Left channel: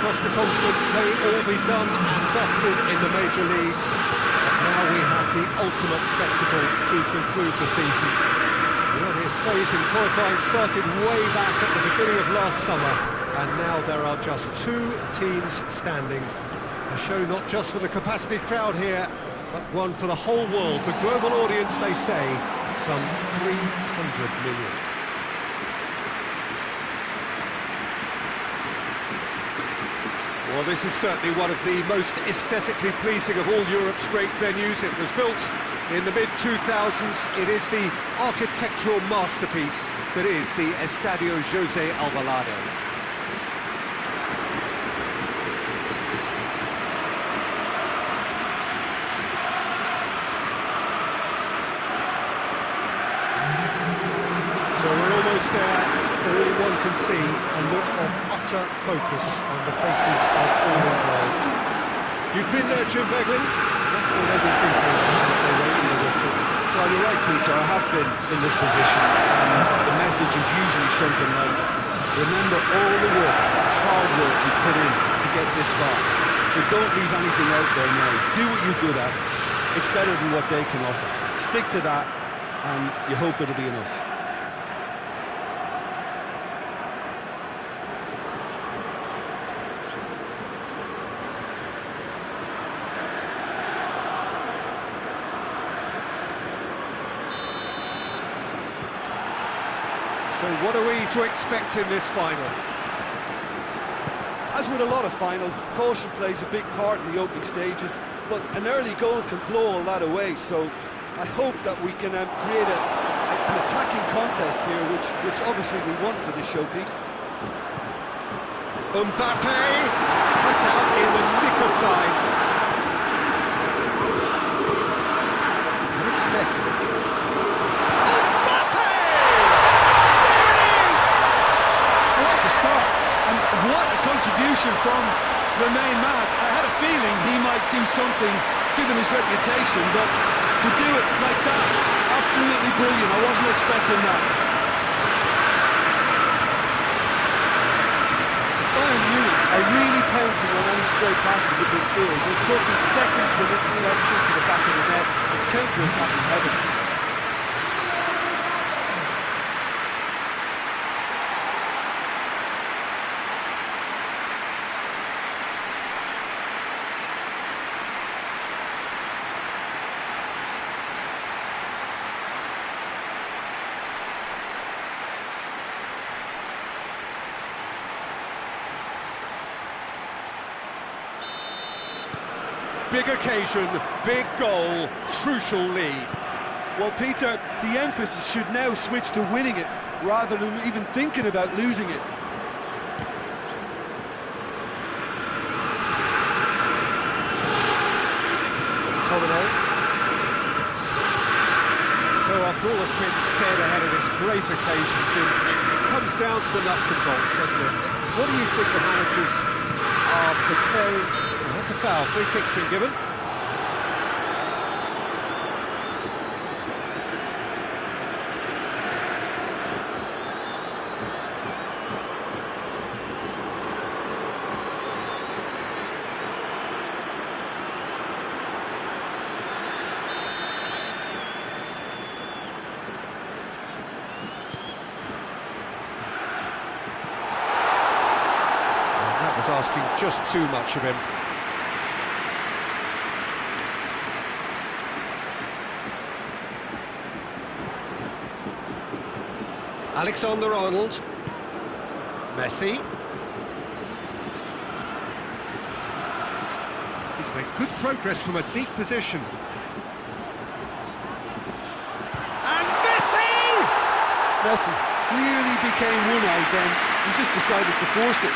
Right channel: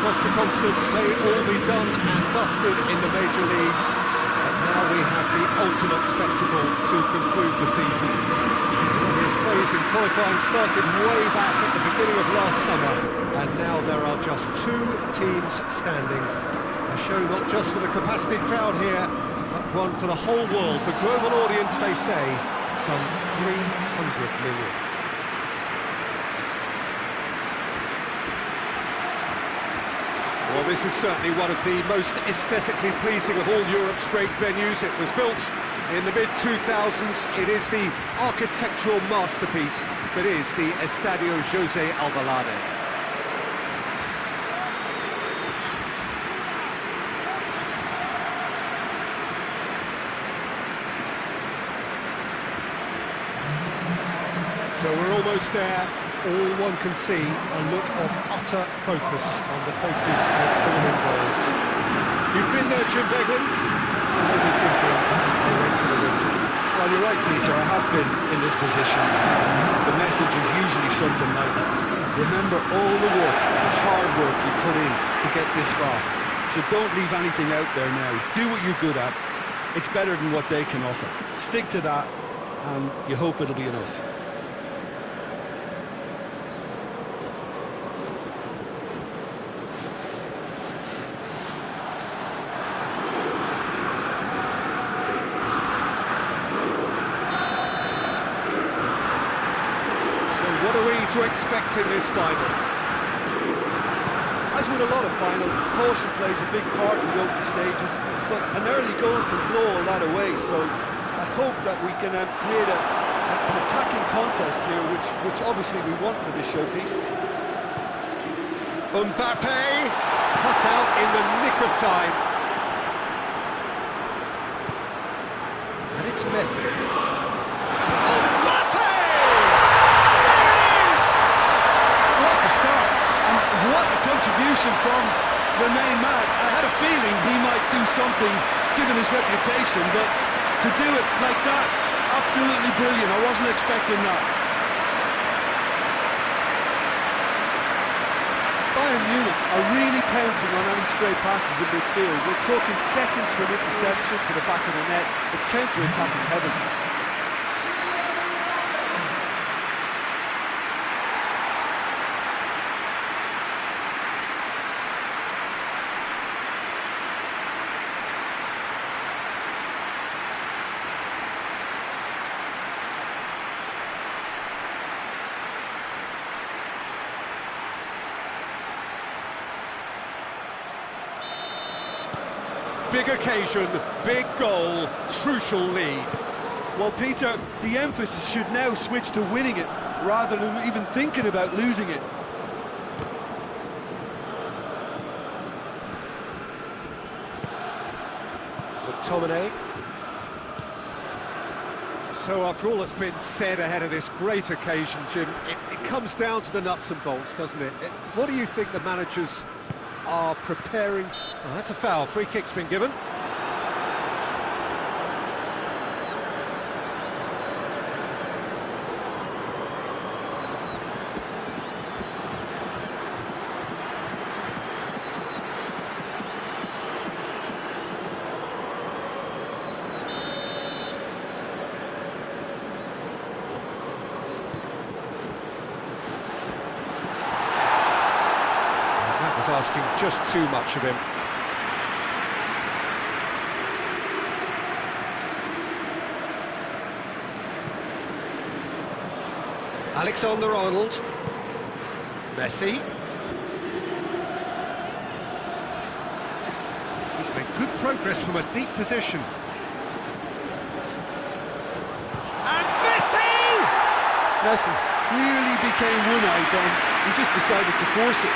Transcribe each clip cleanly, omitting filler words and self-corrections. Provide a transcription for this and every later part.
across the continent may all be done and dusted in the major leagues, but now we have the ultimate spectacle to conclude the season. The earliest phase in qualifying started way back at the beginning of last summer, and now there are just 2 teams standing. A show not just for the capacity crowd here, but one for the whole world. The global audience, they say, some 300 million. Well, this is certainly one of the most aesthetically pleasing of all Europe's great venues. It was built in the mid-2000s. It is the architectural masterpiece that is the Estadio José Alvalade. So we're almost there. All one can see a look of utter focus on the faces of all involved. You've been there, Jim Beglin. What will they be thinking as they wait for the whistle? Well, you're right, Peter. I have been in this position, and the message is usually something like, remember all the work, the hard work you've put in to get this far. So don't leave anything out there now. Do what you're good at. It's better than what they can offer. Stick to that, and you hope it'll be enough. So what are we to expect in this final? As with a lot of finals, caution plays a big part in the opening stages, but an early goal can blow all that away, so I hope that we can create an attacking contest here, which obviously we want for this showpiece. Mbappe, cut out in the nick of time. And it's Messi. What a start, and what a contribution from the main man. I had a feeling he might do something given his reputation, but to do it like that, absolutely brilliant. I wasn't expecting that. Bayern Munich are really pouncing on any stray passes in midfield. We're talking seconds from interception to the back of the net. It's counter-attacking heaven. Big occasion, big goal, crucial lead. Well, Peter, the emphasis should now switch to winning it, rather than even thinking about losing it. McTominay. So after all that's been said ahead of this great occasion, Jim, it comes down to the nuts and bolts, doesn't it? What do you think the managers are preparing? Oh, that's a foul. Free kick's been given. That was asking just too much of him. Alexander-Arnold. Messi. He's made good progress from a deep position. And Messi! Messi clearly became one-eyed then. He just decided to force it.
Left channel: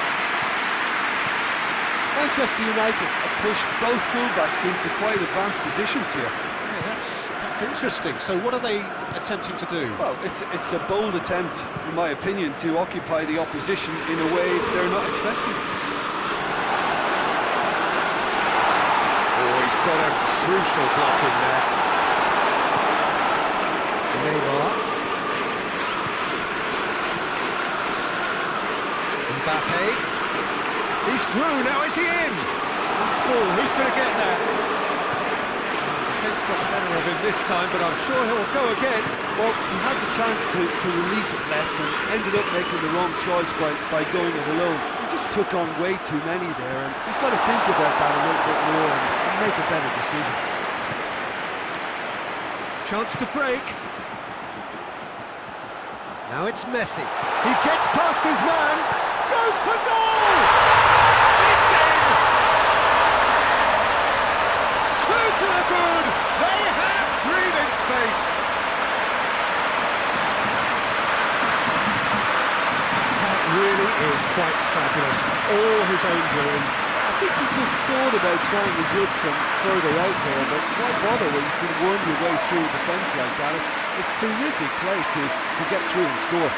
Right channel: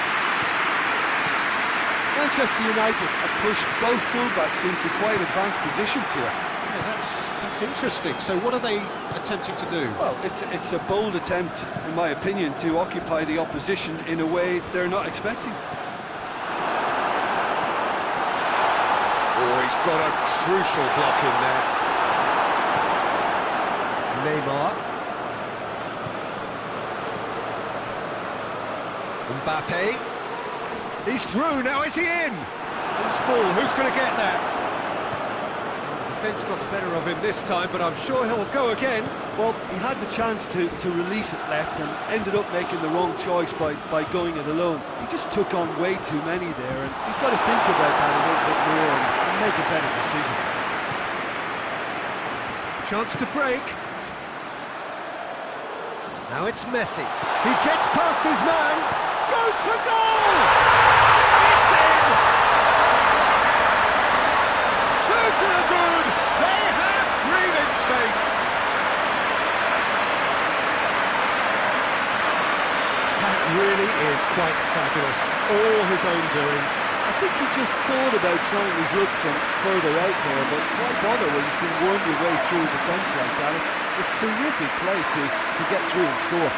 Manchester United have pushed both fullbacks into quite advanced positions here. Yeah, that's interesting. So what are they attempting to do? Well, it's a bold attempt, in my opinion, to occupy the opposition in a way they're not expecting. Oh, he's got a crucial block in there. Neymar. Mbappe. He's through, now is he in? Loose ball, who's going to get that? Defence got the better of him this time, but I'm sure he'll go again. Well, he had the chance to release it left and ended up making the wrong choice by going it alone. He just took on way too many there, and he's got to think about that a little bit more and make a better decision. Chance to break. Now it's Messi. He gets past his man, goes for goal! It's in! Two to the good! They have breathing space! That really is quite fabulous. All his own doing. I think he just thought about trying his luck from further out there, but why bother when you can worm your way through a defence like that? It's terrific play to get through and score.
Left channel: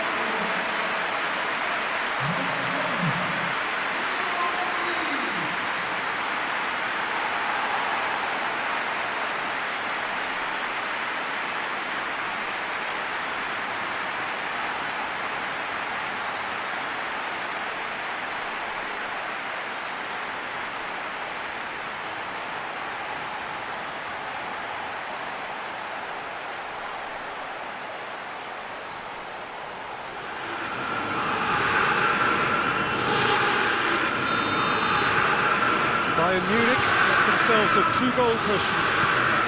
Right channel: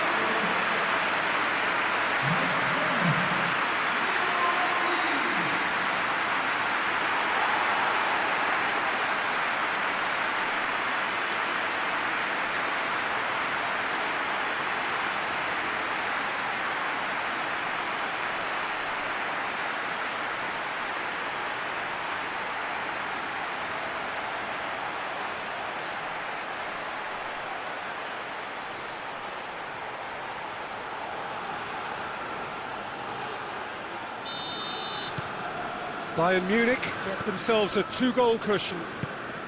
Bayern Munich get themselves a two-goal cushion.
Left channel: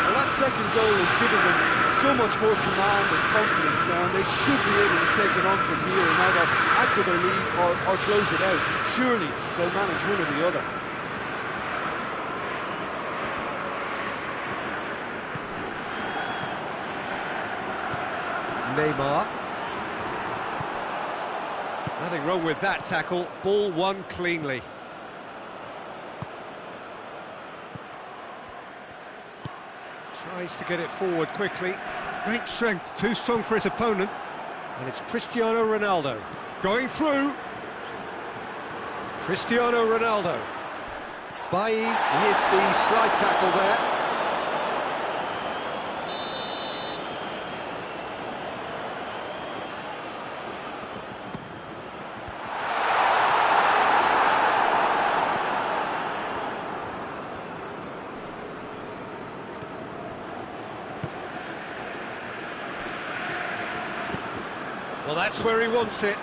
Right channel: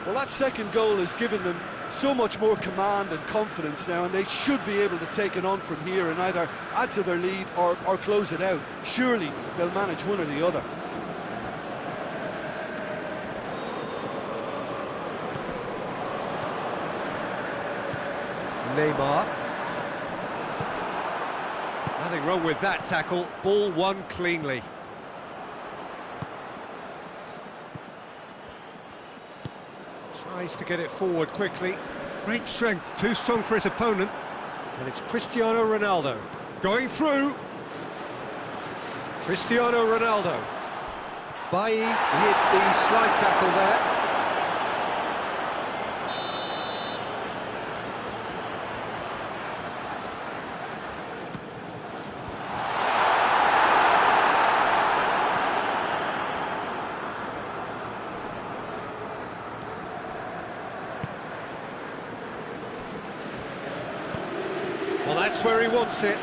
Well, that second goal has given them so much more command and confidence now, and they should be able to take it on from here and either add to their lead or close it out. Surely they'll manage one or the other. Neymar. Nothing wrong with that tackle. Ball won cleanly. Tries to get it forward quickly. Great strength, too strong for his opponent. And it's Cristiano Ronaldo. Going through. Cristiano Ronaldo. Bailly hit the slide tackle there. Well, that's where he wants it.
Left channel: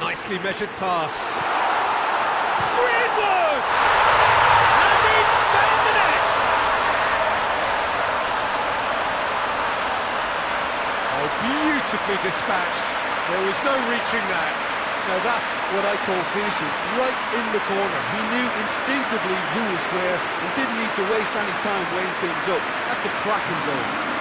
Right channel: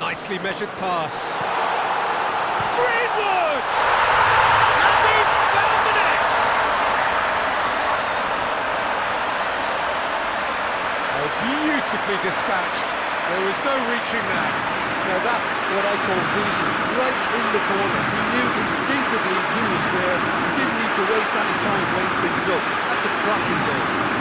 Nicely measured pass. Greenwood! And he's found the net! Oh, beautifully dispatched. There was no reaching that. Now that's what I call finishing, right in the corner. He knew instinctively who was square and didn't need to waste any time weighing things up. That's a cracking goal.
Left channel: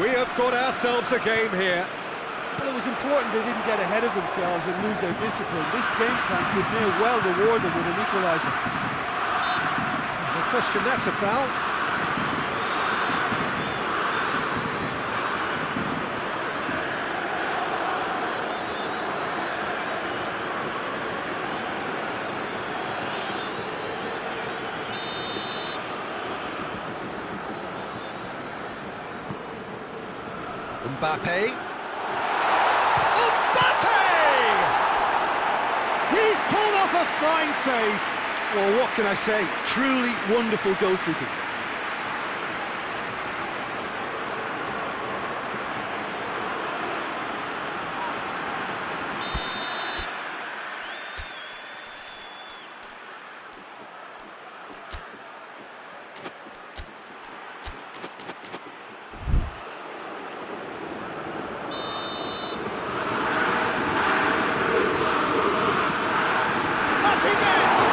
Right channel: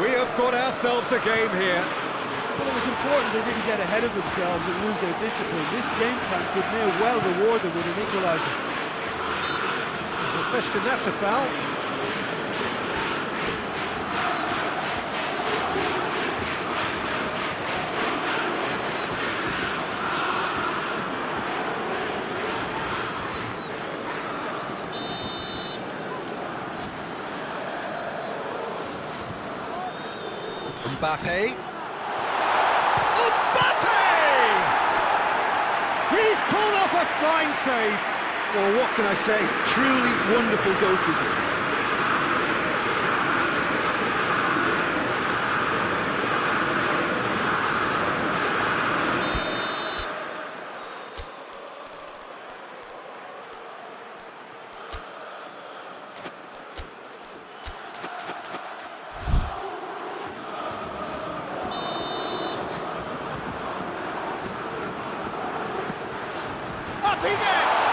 We have got ourselves a game here. Well, it was important they didn't get ahead of themselves and lose their discipline. This game plan could near well reward them with an equaliser. No question, that's a foul. Mbappe. He's pulled off a fine save. Well, what can I say? Truly wonderful goalkeeping. Up he gets!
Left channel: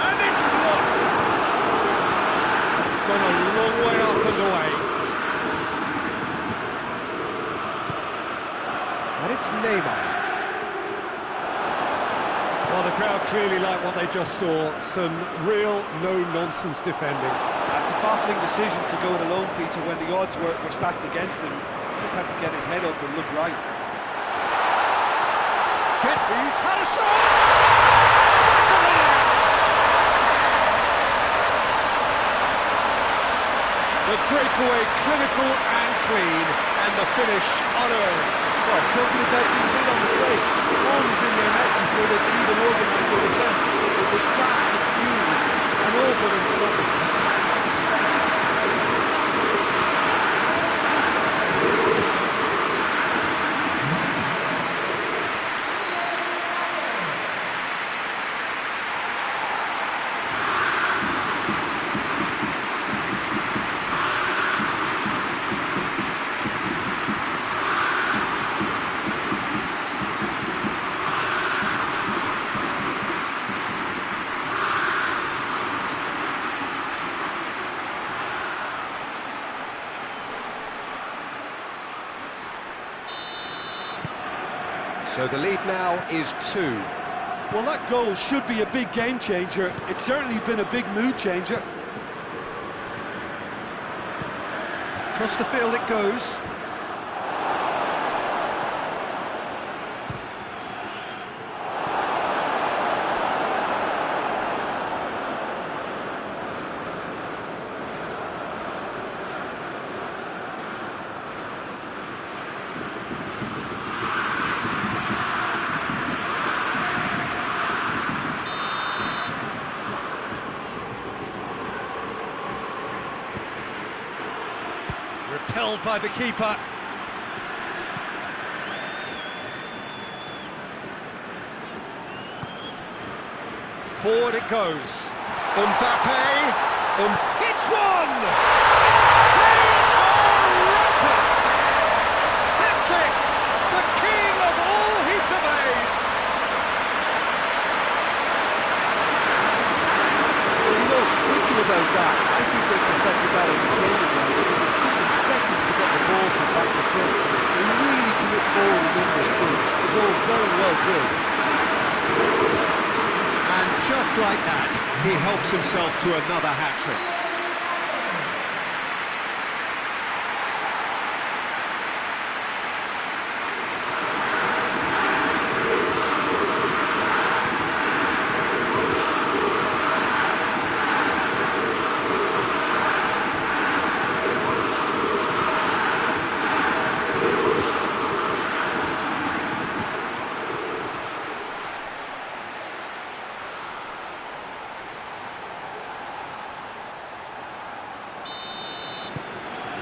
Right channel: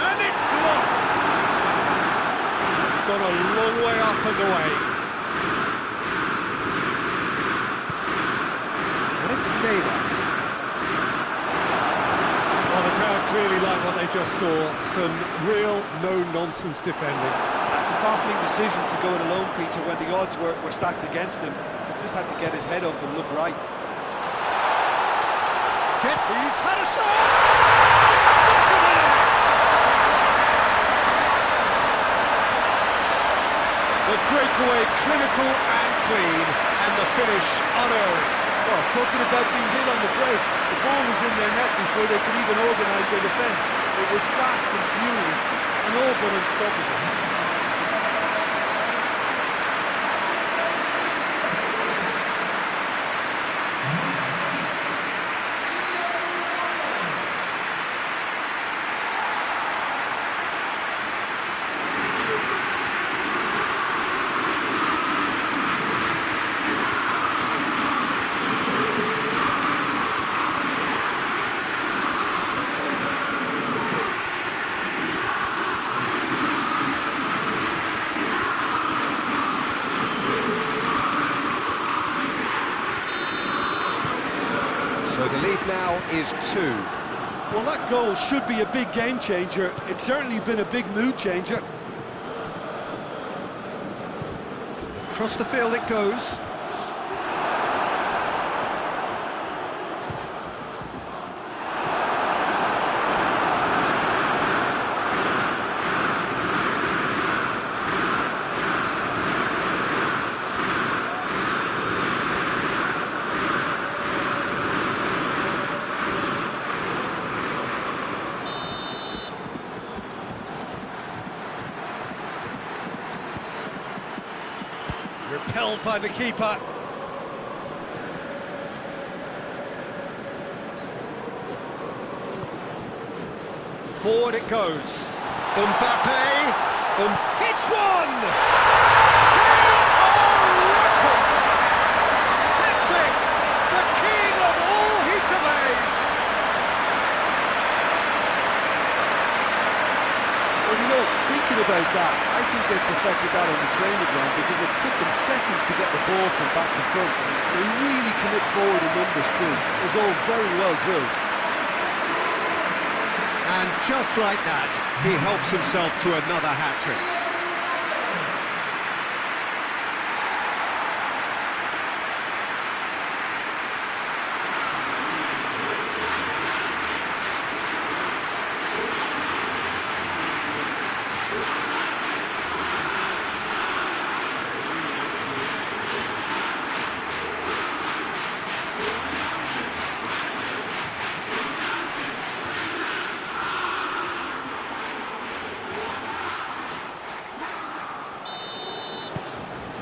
And it's blocked! It's gone a long way up and away. And it's Neymar. Well, the crowd clearly like what they just saw. Some real no-nonsense defending. That's a baffling decision to go it alone, Peter, when the odds were stacked against him. Just had to get his head up and look right. He's had a shot! Back of the net! The breakaway clinical and clean, and the finish unerring. Well, talking about being hit on the break, the ball was in their net before they could even organise their defence. It was fast and furious, and all but unstoppable. So the lead now is 2. Well, that goal should be a big game changer. It's certainly been a big mood changer. Across the field it goes. Repelled by the keeper. Forward it goes. Mbappe hits one! They are rampant! Hat-trick! The king of all he surveys! Well, you know, thinking about that, I think they perfected that on the training ground because it took them seconds to get the ball from back to front. They really commit forward in numbers too. It was all very well drilled. And just like that, he helps himself to another hat-trick.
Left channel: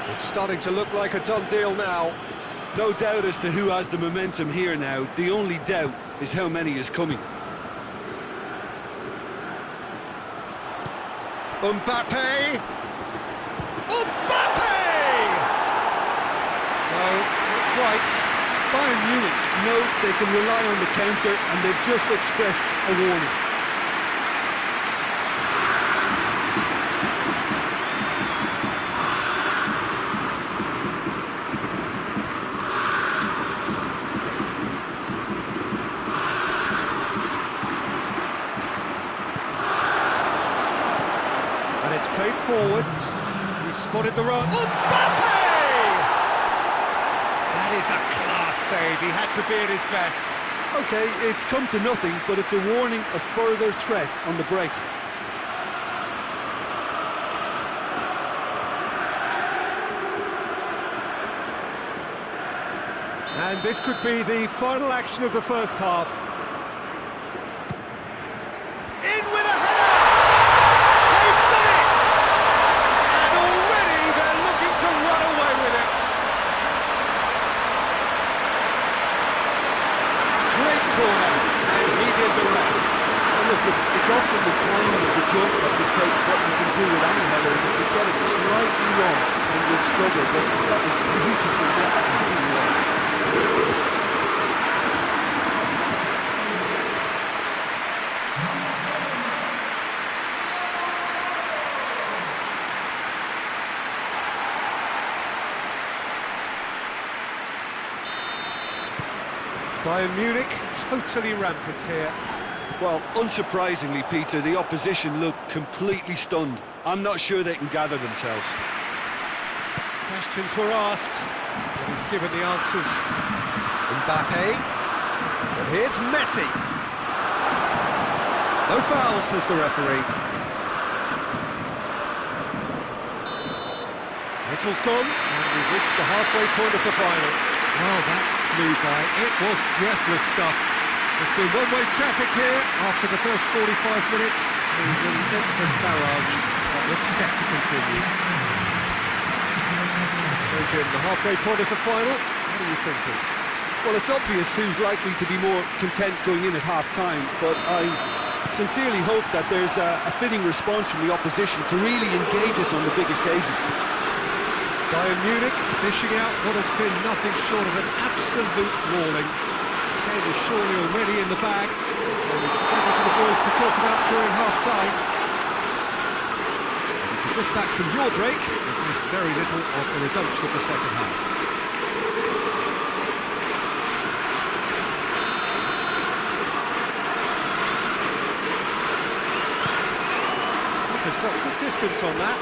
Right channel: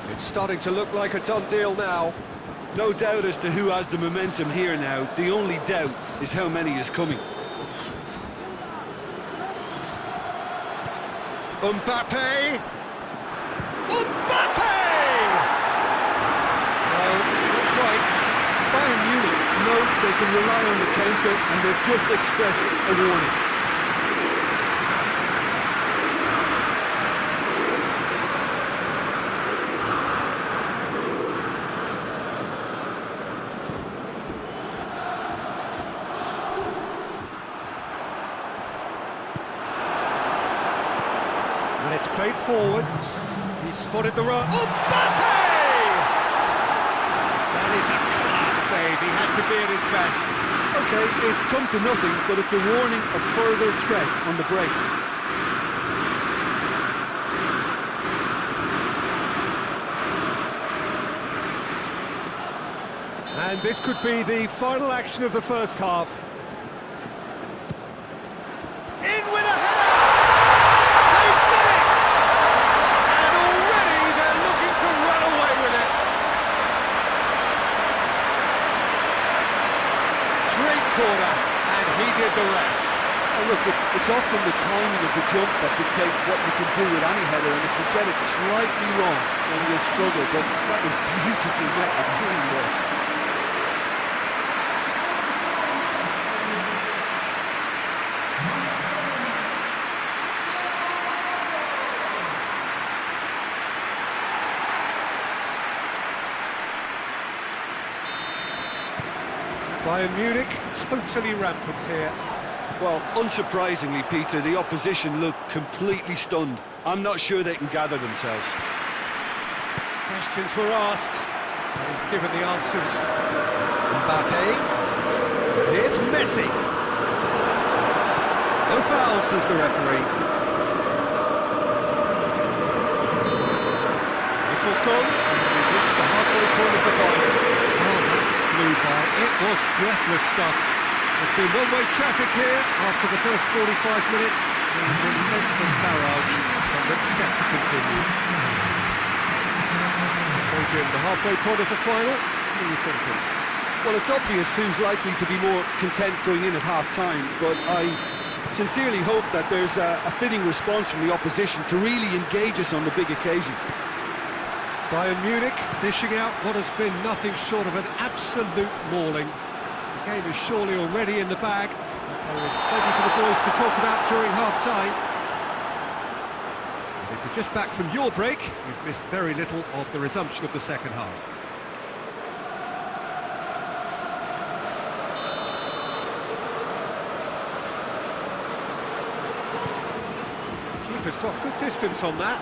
It's starting to look like a done deal now. No doubt as to who has the momentum here now. The only doubt is how many is coming. Mbappe! Mbappe! No, not quite. Bayern Munich know they can rely on the counter and they've just expressed a warning. And it's played forward. He's spotted the run. Mbappe! That is a class save. He had to be at his best. Okay, it's come to nothing, but it's a warning of further threat on the break. And this could be the final action of the first half. In with a header! They've done it! And already they're looking to run away with it. Great corner, and he did the rest. Oh, look, it's often the timing of the jump that dictates what you can do with any header, and if we get it slightly wrong, then we'll struggle, but that was beautifully met, it really was. Bayern Munich, totally rampant here. Well, unsurprisingly, Peter, the opposition looked completely stunned. I'm not sure they can gather themselves. Questions were asked, but he's given the answers. Mbappe, and here's Messi. No fouls, says the referee. Whistle's gone, and we've reached the halfway point of the final. Well, that flew by. It was breathless stuff. There's been one-way traffic here after the first 45 minutes. A relentless barrage that looks set to continue. So, Jim, the halfway point of the final, what are you thinking? Well, it's obvious who's likely to be more content going in at half-time, but I sincerely hope that there's a fitting response from the opposition to really engage us on the big occasion. Bayern Munich dishing out what has been nothing short of an absolute mauling. The game is surely already in the bag. There is plenty for the boys to talk about during half-time. And if you're just back from your break, you've missed very little of the resumption of the second half. Keeper's got good distance on that.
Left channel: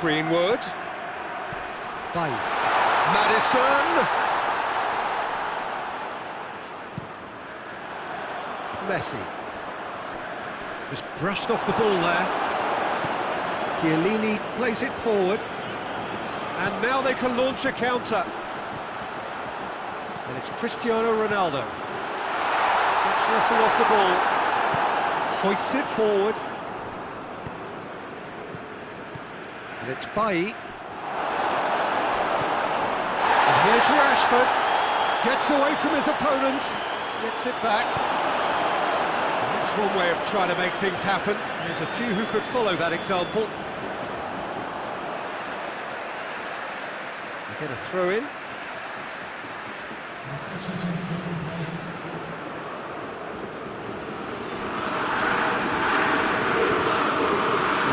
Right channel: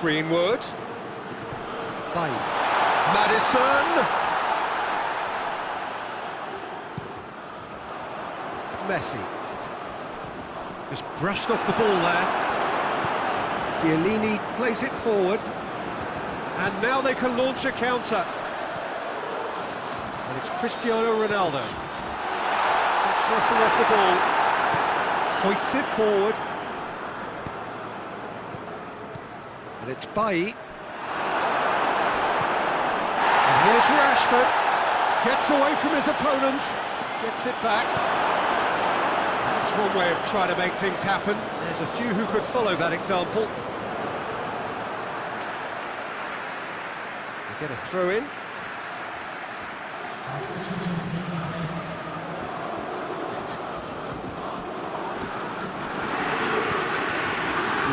Greenwood. Bailly. Maddison. Messi. Just brushed off the ball there. Chiellini plays it forward. And now they can launch a counter. And it's Cristiano Ronaldo. Gets Russell off the ball. Hoists it forward. And it's Bailly. And here's Rashford. Gets away from his opponents. Gets it back. And that's one way of trying to make things happen. There's a few who could follow that example. They get a throw in.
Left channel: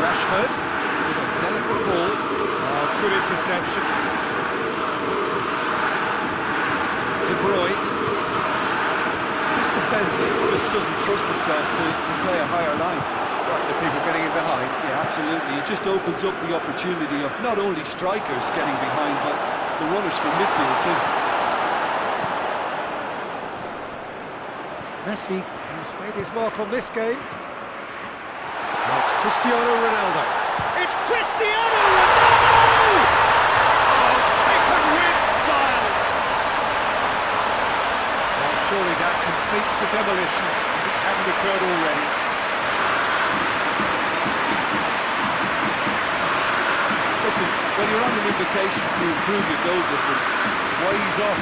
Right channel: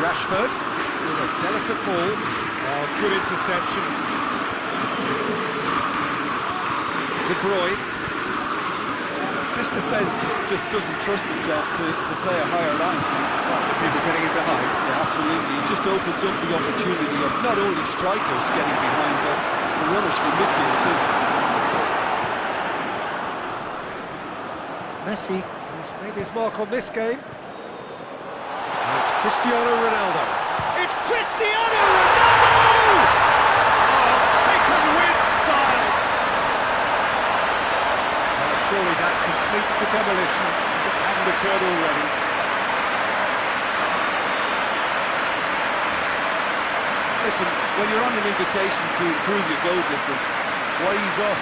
Rashford. With a delicate ball. Oh, good interception. De Bruyne. This defence just doesn't trust itself to play a higher line. Frightened of people getting in behind. Yeah, absolutely. It just opens up the opportunity of not only strikers getting behind, but the runners from midfield too. Messi, who's made his mark on this game. Now it's Cristiano Ronaldo. It's Cristiano Ronaldo! Oh, taken with style! Well, surely that completes the demolition if it hadn't occurred already. Listen, when you're on an invitation to improve your goal difference, why ease off?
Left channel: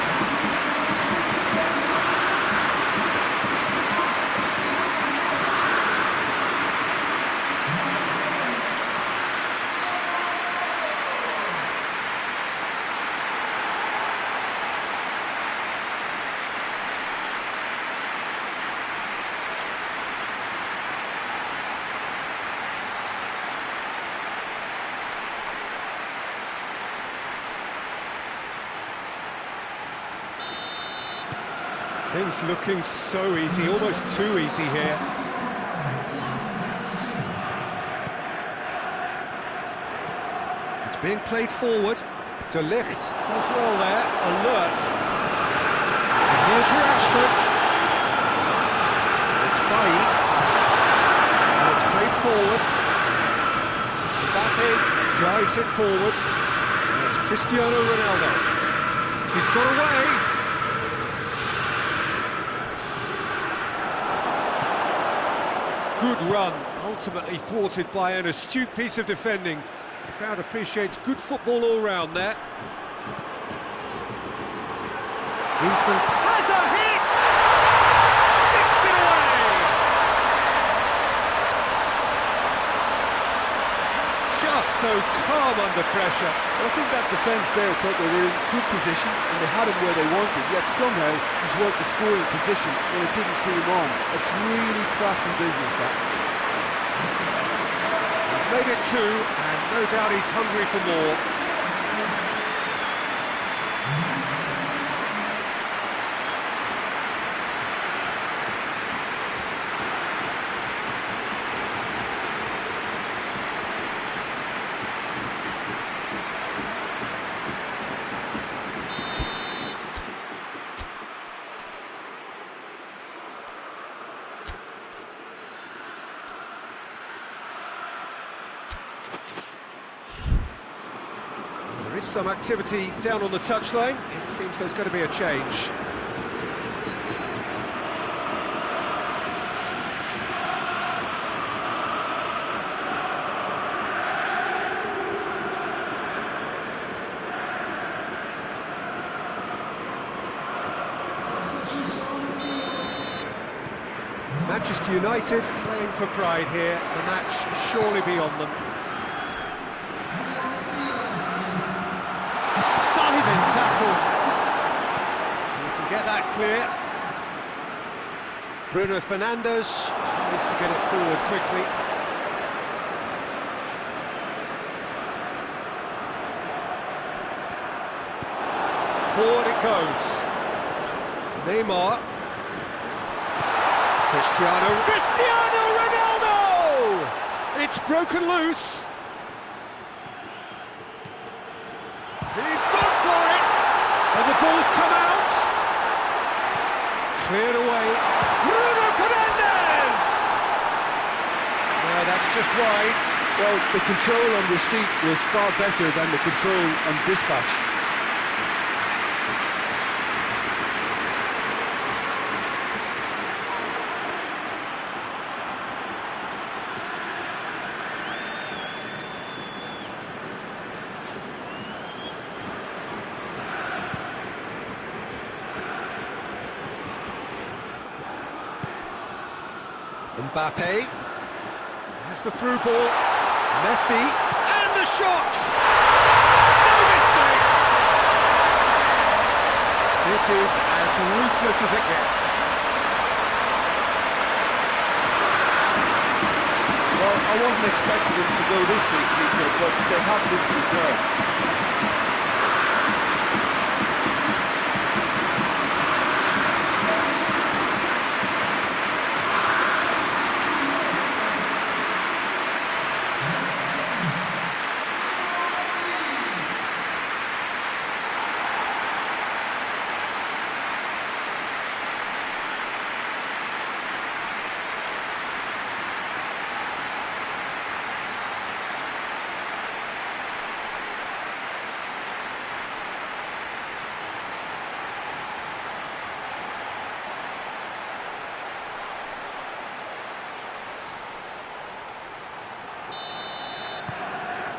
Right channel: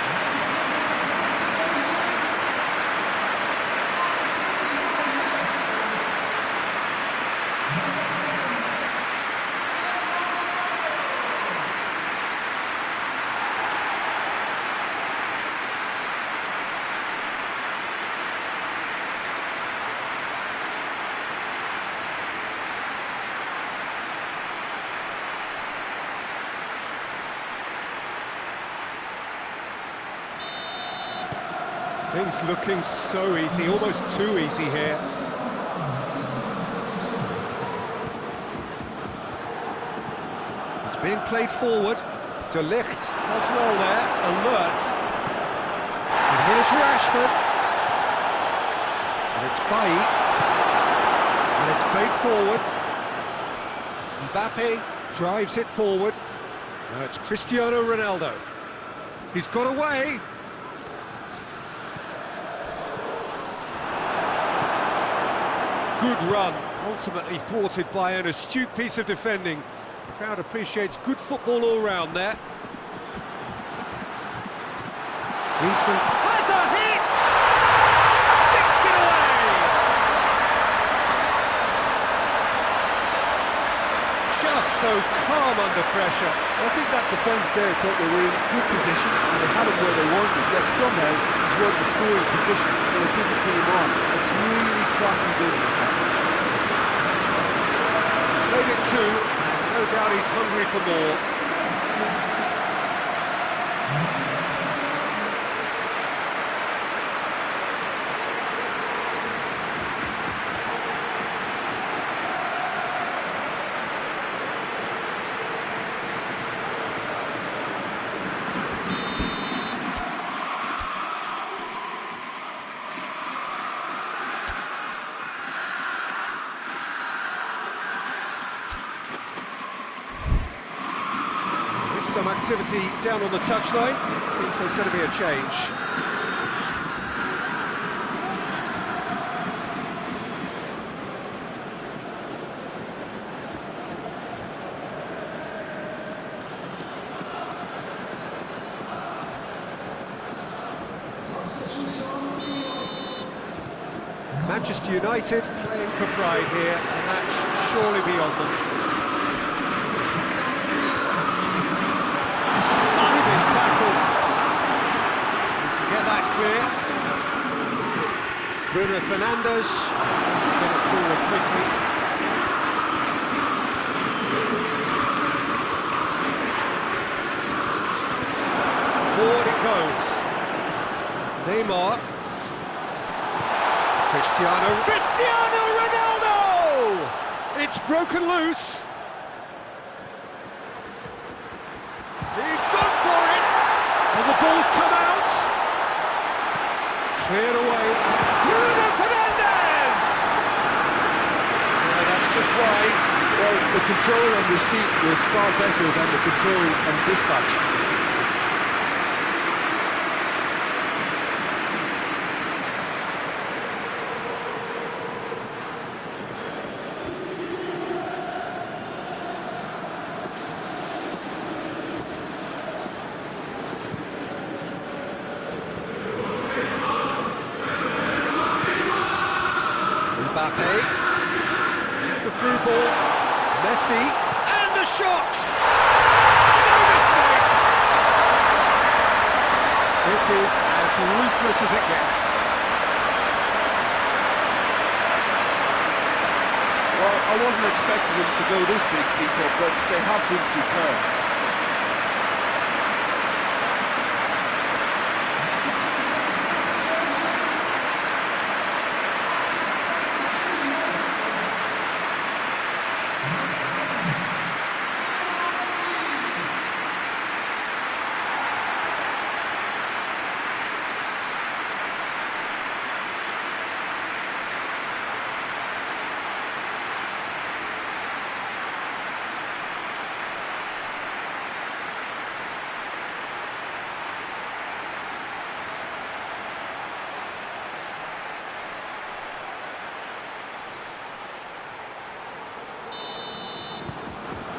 Things looking so easy, almost too easy here. It's being played forward. De Ligt does well there, alert. And here's Rashford. And it's Bailly. And it's played forward. Mbappe drives it forward. And it's Cristiano Ronaldo. He's got away. Good run, ultimately thwarted by an astute piece of defending. Crowd appreciates good football all round there. Griezmann has a hit! Sticks it away! Just so calm under pressure. Well, I think that defence there thought they were in good position and they had him where they wanted, yet somehow he's worked the scoring position and it didn't see him on. It's really crafty business, that. He's made it two, and no doubt he's hungry for more. Some activity down on the touchline. It seems there's going to be a change. Manchester United playing for pride here. The match surely beyond them. A scything tackle. You can get that clear. Bruno Fernandes needs to get it forward quickly. Forward it goes. Neymar. Cristiano Ronaldo! It's broken loose. He's gone for it! And the ball's come out. Cleared away. Bruno Fernandes! No, that's just wide. Well, the control on receipt was far better than the control on dispatch. Mbappe, here's the through ball, Messi, and the shot! No mistake! This is as ruthless as it gets. Well, I wasn't expecting them to go this big, Peter, but they have been superb.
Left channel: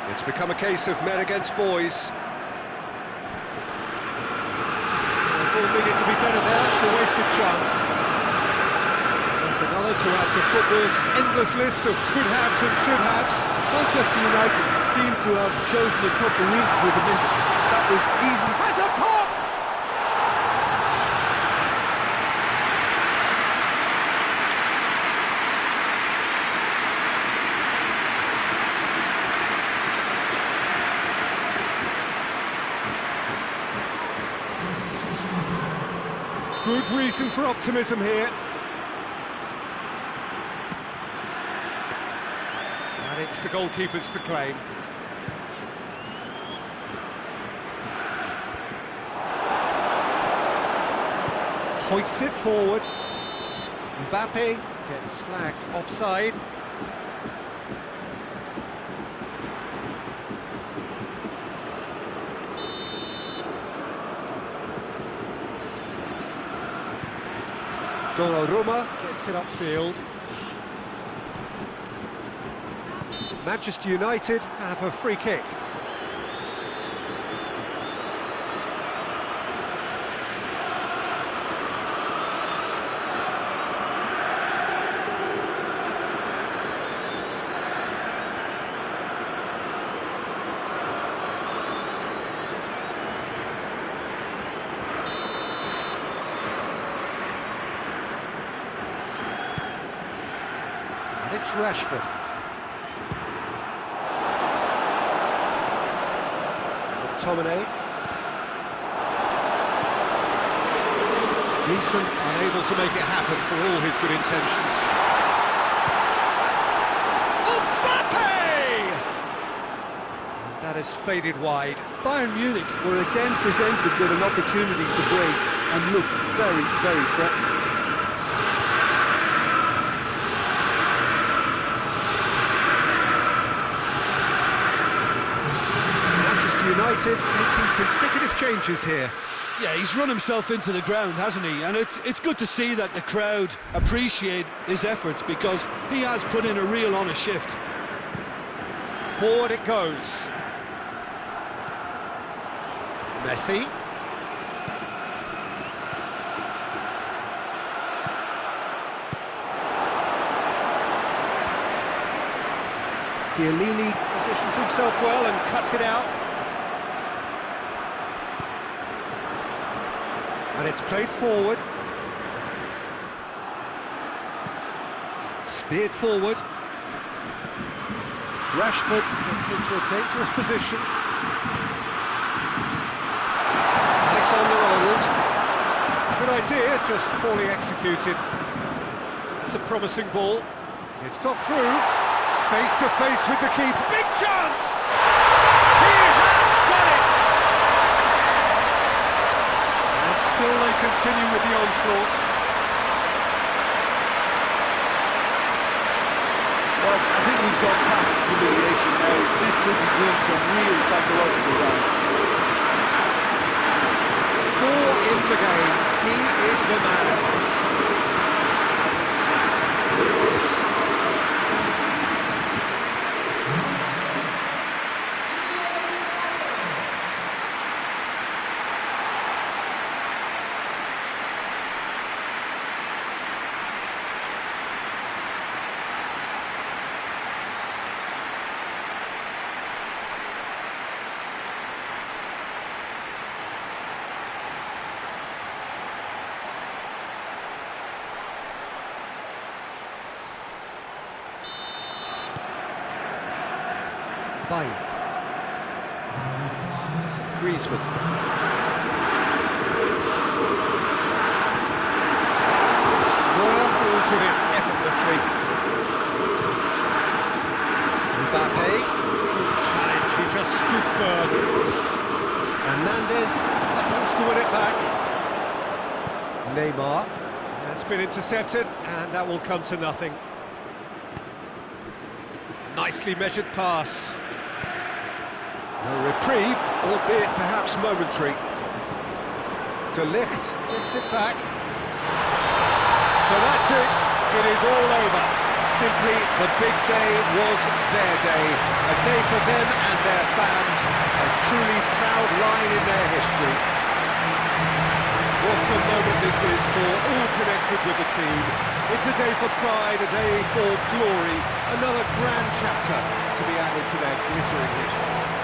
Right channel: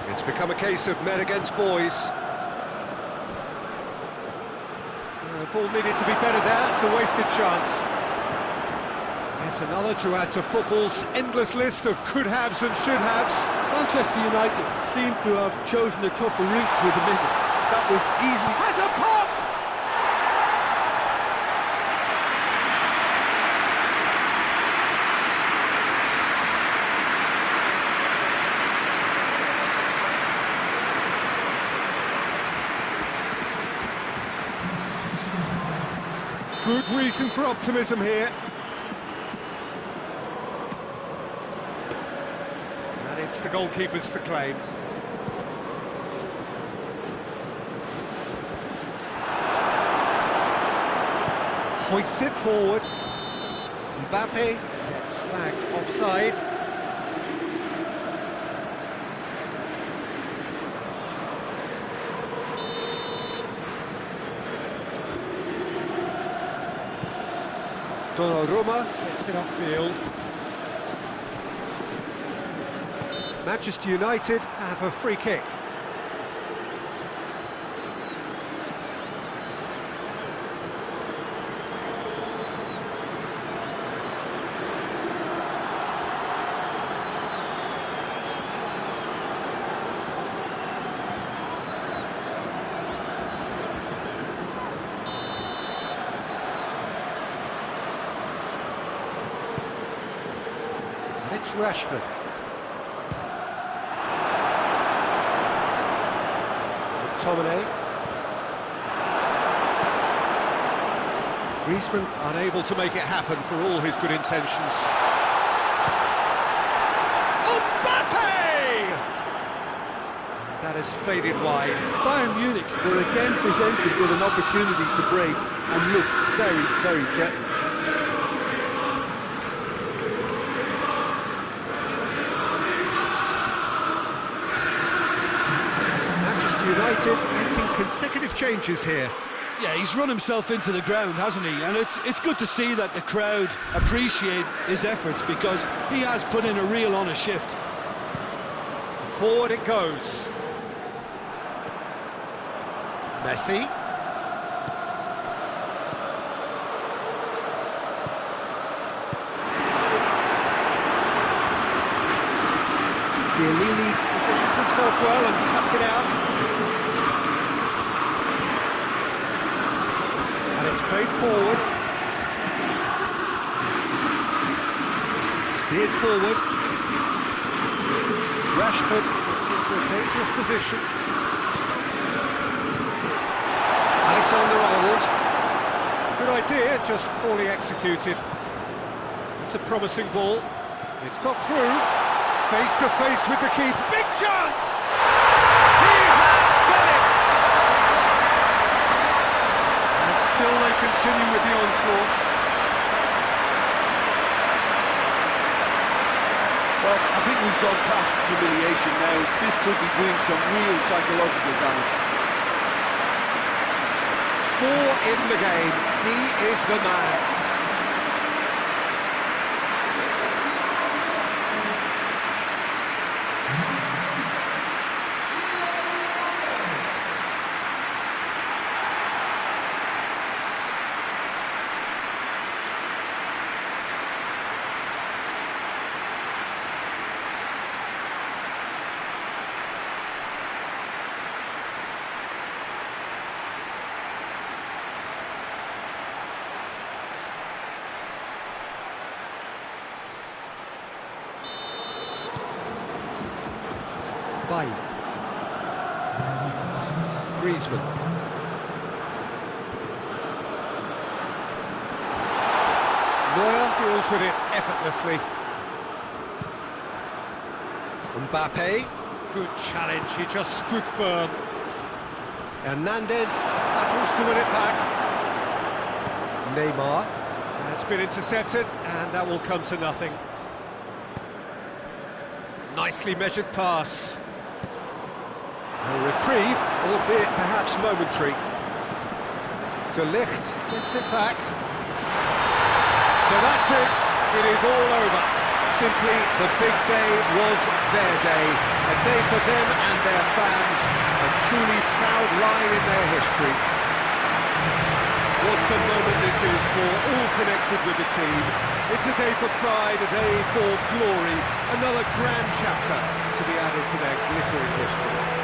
It's become a case of men against boys. The ball needed to be better there, it's a wasted chance. That's another to add to football's endless list of could-haves and should-haves. Manchester United seem to have chosen a tougher route through the middle. That was easily... Has a pop! Good reason for optimism here. And it's the goalkeepers to claim. Hoists it forward. Mbappe gets flagged offside. Donnarumma gets it upfield. Manchester United have a free kick. And it's Rashford. McTominay. Griezmann unable to make it happen for all his good intentions. Mbappe! And that has faded wide. Bayern Munich were again presented with an opportunity to break and look very, very threatening. Manchester United making consecutive changes here. Yeah, he's run himself into the ground, hasn't he? And it's good to see that the crowd appreciate his efforts, because he has put in a real honest shift. Forward it goes. Messi. Chiellini positions himself well and cuts it out. And it's played forward. Steered forward. Rashford gets into a dangerous position. Alexander-Arnold. Good idea, just poorly executed. It's a promising ball. It's got through. Face to face with the keeper. Big chance! He has got it! And still they continue with the onslaught. Well, I think we've gone past humiliation now. This could be doing some real psychological damage. 4 in the game. He is the man. Bailly. Griezmann. Neuer deals with it effortlessly. Mbappe, good challenge, he just stood firm. Hernandez battles to win it back. Neymar, that's been intercepted, and that will come to nothing. Nicely measured pass. A reprieve, albeit perhaps momentary. De Ligt gets it back. So that's it. It is all over. Simply, the big day was their day. A day for them and their fans. A truly proud line in their history. What a moment this is for all connected with the team. It's a day for pride, a day for glory. Another grand chapter to be added to their glittering history.